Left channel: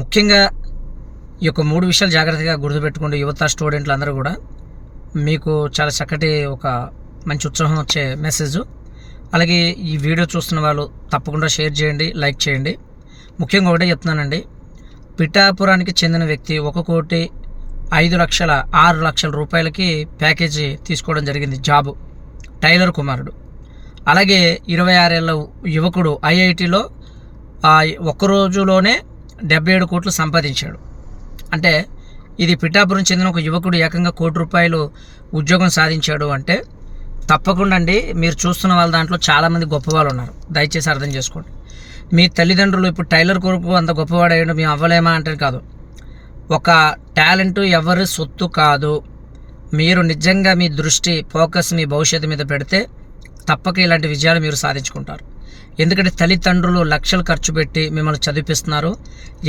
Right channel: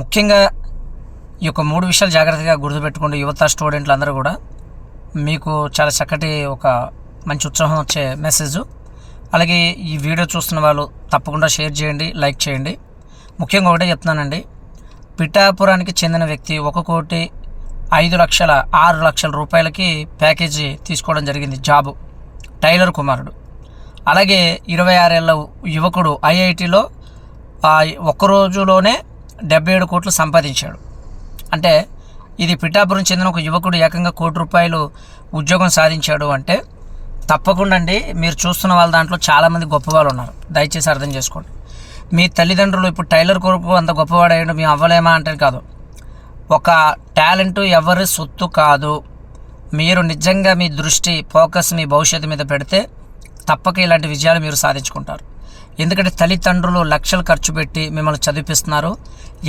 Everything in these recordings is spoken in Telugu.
ముఖ్యంగా ఈ యొక్క 3 విషయాలు జాగ్రత్తగా గుర్తుపెట్టుకోండి. యువత స్టూడెంట్లు అందరూ కూడా మీకు చాలా చక్కటి ఒక మంచి ఉత్సాహం వచ్చే మెసేజ్. అలాగే ఈ వీడియో చూస్తున్న వాళ్ళు తప్పకుండా షేర్ చేయండి, లైక్ చేయండి. ముఖ్యంగా ఒకటే చెప్తున్నానండి, పిఠాపురానికి చెందిన వ్యక్తి 1,05,06,00,000 రూపాయలకి ప్యాకేజీ తీసుకోవడం జరిగింది. జాబు టైలర్ కుమారుడు. అలాగే 26 ఏళ్ళ యువకుడు ఐఐటిలో ఒక్క రోజులోనే 77 కోట్లు సంపాదించాడు. అంటే ఇది పిఠాపురం చెందిన ఒక యువకుడు ఏకంగా ₹1,00,00,000 ఉద్యోగం సాధించాడు అంటే తప్పకుండా అండి, మీరు చూస్తున్న వాళ్ళ దాంట్లో చాలామంది గొప్పవాళ్ళు ఉన్నారు. దయచేసి అర్థం చేసుకోండి. మీ తల్లిదండ్రులు ఇప్పుడు టైలర్ కొరకు అంత గొప్పవాడయ్యాడు మేము అవ్వలేమా అంటే కాదు. ఒక టాలెంట్ ఎవరి సొత్తు కాదు. మీరు నిజంగా మీ దృష్టి ఫోకస్ మీ భవిష్యత్తు మీద పెడితే తప్పక ఇలాంటి విజయాలు మీరు సాధించుకుంటారు. ఎందుకంటే తల్లిదండ్రులు లక్షలు ఖర్చు పెట్టి మిమ్మల్ని చదివిస్తున్నారు.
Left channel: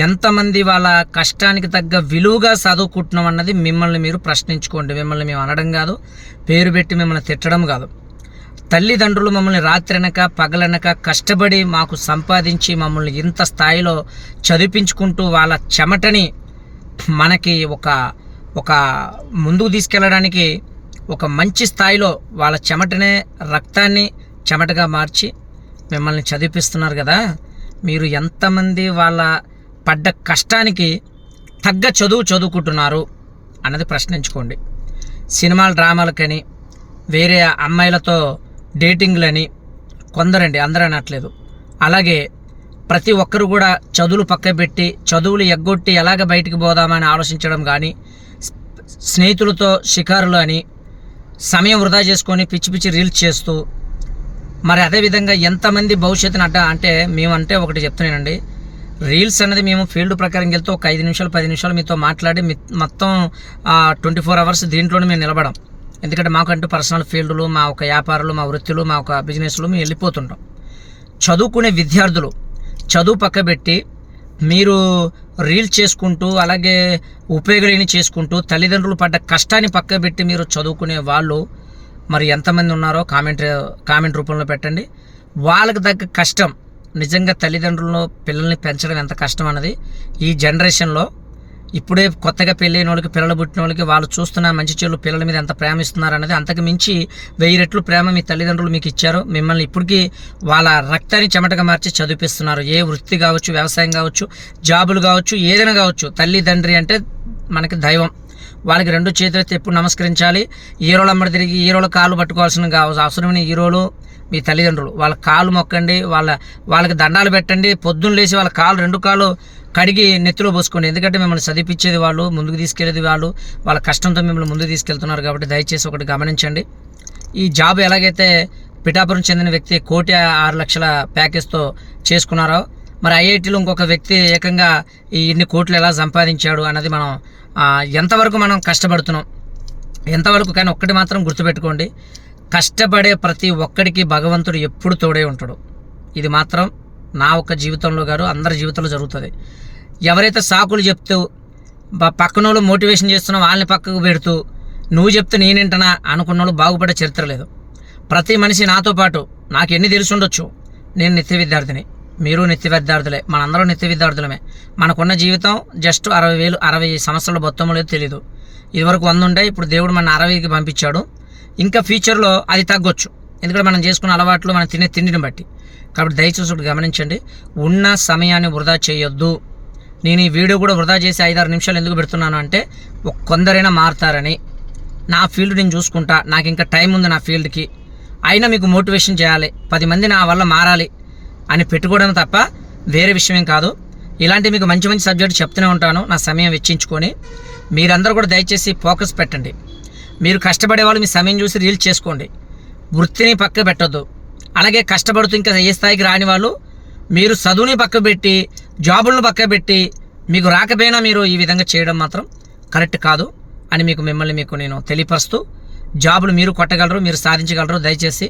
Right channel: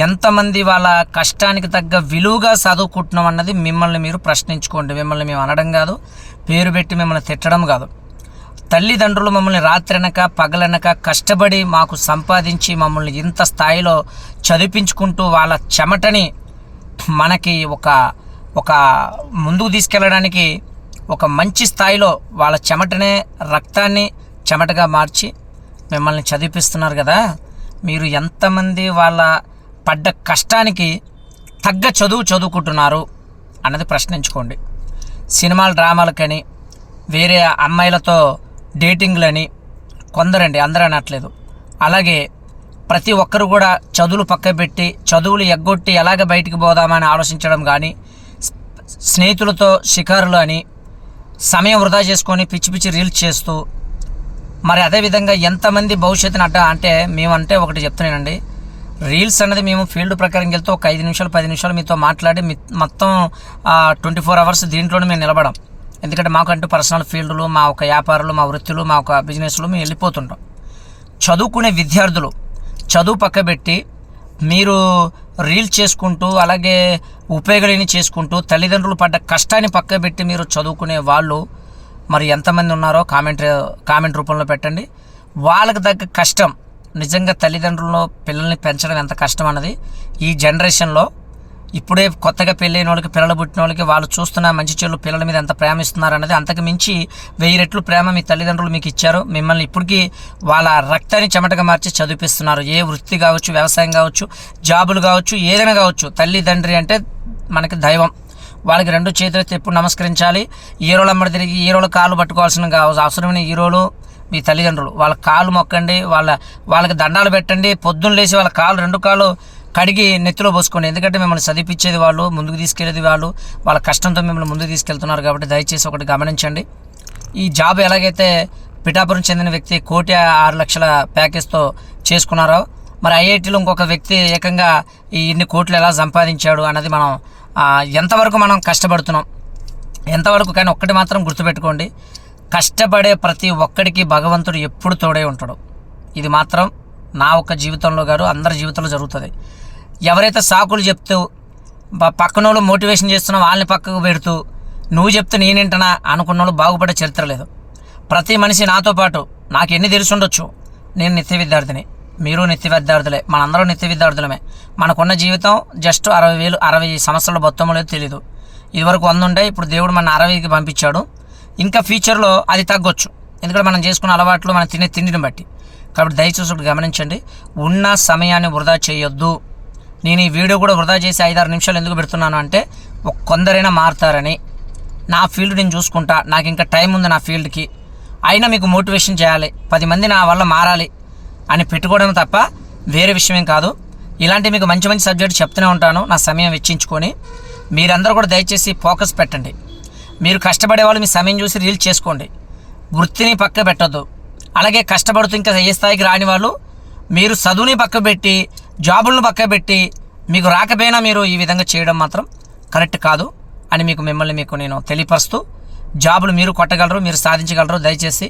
ఎంతమంది వాళ్ళ కష్టానికి తగ్గ విలువగా చదువుకుంటున్నాం అన్నది మిమ్మల్ని మీరు ప్రశ్నించుకోండి. మిమ్మల్ని మేము అనడం కాదు, పేరు పెట్టి మిమ్మల్ని తిట్టడం కాదు. తల్లిదండ్రులు మమ్మల్ని రాత్రనక పగలనక కష్టపడి మాకు సంపాదించి మమ్మల్ని ఇంత స్థాయిలో చదివించుకుంటూ వాళ్ళ చెమటని మనకి ఒక ముందుకు తీసుకెళ్ళడానికి ఒక మంచి స్థాయిలో వాళ్ళ చెమటనే రక్తాన్ని చెమటగా మార్చి మిమ్మల్ని చదివిస్తున్నారు కదా. మీరు ఎంతమంది వాళ్ళ పడ్డ కష్టానికి తగ్గ చదువుకుంటున్నారు అన్నది ప్రశ్నించుకోండి. సినిమాలు డ్రామాలకని వేరే అమ్మాయిలతో డేటింగ్లని కొందరండి, అందరూ అనట్లేదు. అలాగే ప్రతి ఒక్కరు కూడా చదువులు పక్కబెట్టి చదువులు ఎగ్గొట్టి ఎలాగ బయటికి పోదామని ఆలోచించడం కానీ, స్నేహితులతో షికారులు అని సమయం వృధా చేసుకొని పిచ్చి పిచ్చి రీల్స్ చేస్తూ, మరి అదేవిధంగా ఎంతమంది భవిష్యత్తుని అంటే మేమంటే ఒకటి చెప్తున్నానండి, రీల్స్ అనేది మేము ఫీల్డ్ ప్రకారం వెళ్తే ఒక 5 నిమిషాలు 10 నిమిషాలు మీతో మాట్లాడి మొత్తం 24 అవర్స్ దీంట్లోనే మేము నిలబడం. ఎందుకంటే మాకంటూ పర్సనల్ ఫీల్డ్లు, మా ఒక వ్యాపారాలు, మా వృత్తులు, మా ఒక బిజినెస్లు మేము వెళ్ళిపోతుంటాం. చదువుకునే విద్యార్థులు చదువు పక్కబెట్టి మీరు రీల్స్ చేసుకుంటూ అలాగే ఉపయోగాలని చేసుకుంటూ తల్లిదండ్రులు పడ్డ కష్టాన్ని పక్కబెట్టి మీరు చదువుకునే వాళ్ళు మరి ఎంతమంది ఉన్నారో కామెంట్ రూపంలో పెట్టండి. వాళ్ళకి తగ్గ కష్టం నిజంగా తల్లిదండ్రులను పిల్లల్ని పెంచడం ఎంత కష్టం అన్నది ఈ జనరేషన్లో ఇప్పుడే కొత్తగా పెళ్ళైన వాళ్ళకి, పిల్లలు పుట్టిన వాళ్ళకి వాళ్ళు చూస్తున్న మంచి చెడు పిల్లల మీద ఎంత ప్రేమ ఇస్తున్నారు అన్నది అంతకు మించి 1000 రెట్లు ప్రేమ మీ తల్లిదండ్రులు మీకు ఇచ్చారు. మిమ్మల్ని ఇప్పటికీ వాళ్ళ రక్తాన్ని చెమటగా మార్చి చదివిస్తున్నారు. ఏ వృత్తి కావచ్చు, వ్యవసాయం కావచ్చు, జాబులు కావచ్చు, ఏదైనా కావచ్చు. తల్లిదండ్రి అంటే మనకి దైవం. వాళ్ళకి 2 చేతులైతే ఎప్పుడు నమస్కరించాలి. హీరోలు అమ్మడి తిరిగి హీరోలు కాళ్ళు పట్టుకోవాల్సిన అవసరమైన హీరోలు మీ తల్లిదండ్రులు. వాళ్ళ కాళ్ళు మొక్కండి, వాళ్ళకి దండాలు పెట్టండి. పొద్దున్న లేచి వాళ్ళ కాళ్ళు 2 కాళ్ళు కడిగి నెత్తిలో పోసుకోండి. ఎందుకంటే మిమ్మల్ని చదివించేది వాళ్ళు, ముందుకు తీసుకెళ్ళేది వాళ్ళు, వాళ్ళ కష్టంతో మిమ్మల్ని ముందుకు తీసుకెళ్తున్నారు. కాబట్టి దయచేసి ఒకటి గమనించండి. ఈ జాబ్ ఎలాగైతే పిఠాపురం చెందిన వ్యక్తి 1,06,00,000 ప్యాకేజ్తో చేసుకున్నారో, మరి ఐఐటీలో ఇంకొక వ్యక్తి ఏకంగా ఈ ఇన్ని కోట్లు ఎలా సంపాదించాడు అన్నది మనం ఎంతవరకు మనం కష్టపడుతున్నాం, ఎంతవరకు. కానీ ఒక్కటి మాత్రం గుర్తుపెట్టుకోండి, కష్టపడే ప్రతి ఒక్కడికి భగవంతుడు ఎప్పుడు తోడే ఉంటాడు. ఇది మాత్రం నా ఒక్క జీవితంలో కాదు, అందరి జీవితంలో జరుగుతుంది. ఎవరైతే సాకులు చెప్తూ పక్కన వాళ్ళు మోటివేషన్ చేస్తున్నా వాళ్ళని పక్కకు పెడుతూ నువ్వు చెప్తే నేనేంటనా అనుకున్న వాళ్ళు బాగుపడే చరిత్ర లేదు. ప్రతి మనిషి నాతో పాటు నాకు ఎన్ని తెలిసి ఉండొచ్చు, నేను నిత్య విద్యార్థిని, మీరు నిత్య విద్యార్థులే, మనందరూ నిత్య విద్యార్థులమే. మనకున్న జీవితం జస్ట్ 60 సంవత్సరాల మొత్తం లేదు తెలీదు. ఇదివరకు 100 ఉంటాయి, ఇప్పుడు దేవుడు మన 60కి పంపించాడు. ఇంకా ఫ్యూచర్లో అది తగ్గొచ్చు, ఎందుకంటే మనం చేసుకున్న అలవాట్లు, మనం తినే తిండిని బట్టి. కాబట్టి దయచేసి ఒకటి గమనించండి, ఉన్న సమయాన్ని వృధా చేయొద్దు. నేను ఈ వీడియో కూడా వృధా చేసి 5-6 నిమిషాలు ఎందుకు పెడుతున్నాను అంటే కొందరైనా మారుతారని. నా ఫీల్డ్ నేను చూసుకుంటా, నాకు ఇంకా టైం ఉంది నా ఫీల్డ్కి, అయినా మీకు మోటివేషన్ చేయాలి, 10 మంది నా వల్ల మారాలి అని పెట్టుకోవడం తప్ప వేరే విషయం కాదు. ఇలాంటి మీకు మంచి మంచి సబ్జెక్ట్ చెప్తూనే ఉంటాను నా సమయం వెచ్చించుకొని. మీరందరూ కూడా దయచేసి ఫోకస్ పెట్టండి. మీరు కష్టపడే వాళ్ళు మీ సమయం చూసి రీల్స్ చేసుకోండి, వృత్తిని పక్క పెట్టద్దు. అలాగే కష్టపడుతూ ఇంకా ఏ స్థాయికి రాని వాళ్ళు మీరు చదువుని పక్క పెట్టి జాబులను పక్క పెట్టి మీకు రాకపోయినా మీరు ఈ విధంగా చేయడం మాత్రం కరెక్ట్ కాదు అని మిమ్మల్ని నేను తెలియపరుస్తూ, జాబులు మీరు కొట్టగలరు, మీరు సాధించగలరు. దయచేసి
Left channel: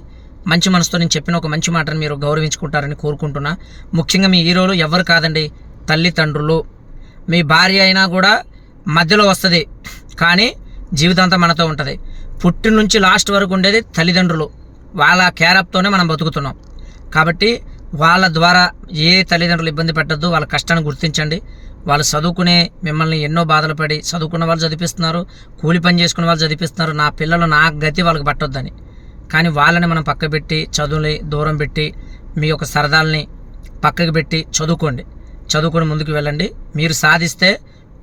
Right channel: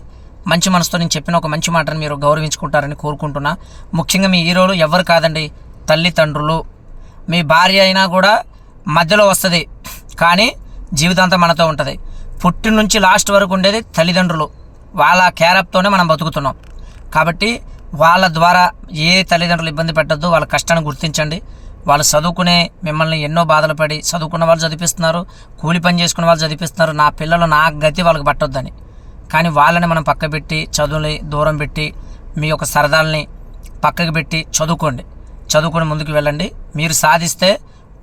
మంచి మనసుతో నేను చెప్పిన ఒక మంచి మాటను మీరు గౌరవించుకుంటారని కోరుకుంటున్నా. ముఖ్యంగా మీ హీరోలు ఎవరు కాదండి, తల్లిదండ్రులు. మీ భార్య అయినా కూడా మధ్యలో వస్తుంది, కానీ జీవితాంతం మనతో ఉంటుంది. పుట్టిన నుంచి లాస్ట్ వరకు ఉండేది తల్లిదండ్రులు. వాళ్ళ కేరప్తోనే మనం బతుకుతున్నాం. కాబట్టి వాళ్ళ ద్వారా ఏ తల్లిదండ్రులు ఇబ్బంది పెట్టద్దు, వాళ్ళ కష్టాన్ని గుర్తించండి. వాళ్ళు చదువుకునే మిమ్మల్ని ఎన్నో బాధలు పడి చదువుకున్న వాళ్ళు చదివిస్తున్నారు, కూలి పని చేసుకున్న వాళ్ళు చదివిస్తున్నారు. నా పిల్లలు నా గతి వాళ్ళకి పట్టొద్దని. కానీ వాళ్ళని మనం పక్క పెట్టి చదువుని దూరం పెట్టి మీ యొక్క సరదాలని పక్కకు పెట్టి చదువుకొని ముందుకు వెళ్ళండి. మీరు సాధిస్తే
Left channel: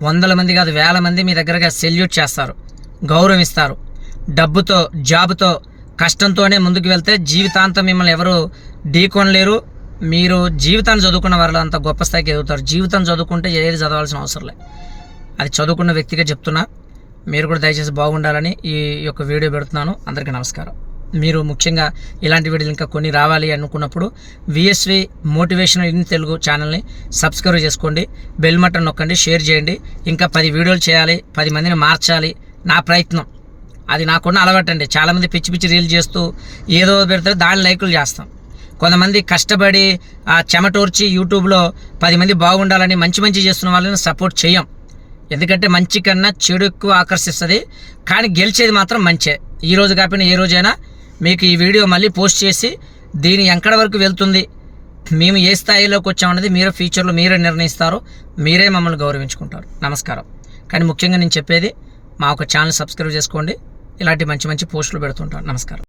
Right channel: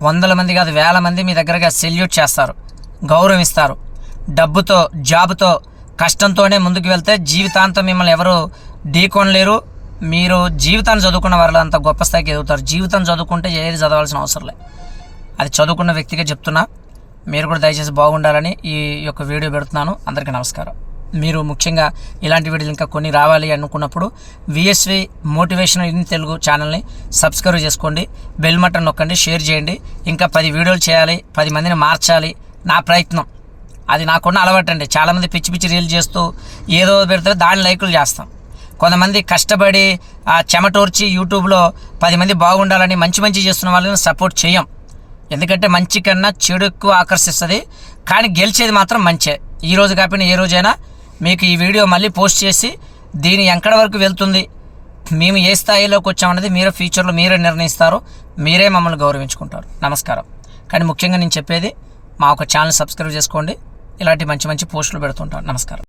100 మంది కాదు 1000 మంది మీ దగ్గరగా సెల్యూట్ చేస్తారు, గౌరవిస్తారు. డబ్బుతో జాబుతో కష్టంతోనే ముందుకు వెళ్తే జీవితాంతం మిమ్మల్ని ఎవరు ఢీకొనలేరు. మీరు జీవితాన్ని చదువుకున్న వాళ్ళు అంత గొప్ప స్థాయికి ఎదుగుతారు. జీవితం చదువుకుంటే ఏది చదవాల్సిన అవసరం లేదు. అది చదువుకున్న వ్యక్తిగా చెప్తున్నా. మీరు కూడా దయచేసి బాగుండాలని ఈ యొక్క వీడియో పెడుతున్నాను. అందరికీ నమస్కారం. మీరు ముఖ్యంగా ఇలాంటి వీడియోలు ఇంకా కొన్ని రావాలి అనుకున్నప్పుడు విఎస్వి మోటివేషనల్ ఇన్ తెలుగు ఛానల్ని సబ్స్క్రైబ్ చేసుకోండి, బెల్ బటన్ నొక్కండి, షేర్ చేయండి. ఇంకా 10 వీడియోలు చేయాలి, 10 మందిని మార్చాలి నా ప్రయత్నం. అది నాకున్న అలవాటండి. చాలామంది పిచ్చి పిచ్చి రీల్ చేస్తూ ఏదో పెడతారు, దాని లైకులు చేస్తాం. కొంతమంది కష్టపడి చెమటోర్చి యూట్యూబ్లో 10 మంది బాగుండాలని మంచి చేస్తున్న వాళ్ళని సపోర్ట్ చేయం. ఎందుకంటే మంచి కన్నా చెడు ఎక్కువ ఆకర్షిస్తుంది. కానీ గెలిచేది మాత్రం మంచే. ఈ రోజు కాకపోయినా ఏ రోజైనా మీకు ఈ వీడియో మళ్ళీ పోస్ట్ చేసి దీని ఎక్కడి వరకు వెళ్తుంది, మేము ఏ స్థాయిలోకి వచ్చామన్నది మీరు ఫ్యూచర్లో మీరే నిర్ణయిస్తారు, మీరే మమ్మల్ని గౌరవించుకుంటారు. నమస్కారం. కానీ ముఖ్యంగా నేను చెప్పేది మా ఒక ఛానల్ సబ్స్క్రైబ్ చేసుకోండి. ఇలాంటి మంచి పోస్టులు పెడుతుంటాను. నమస్కారం.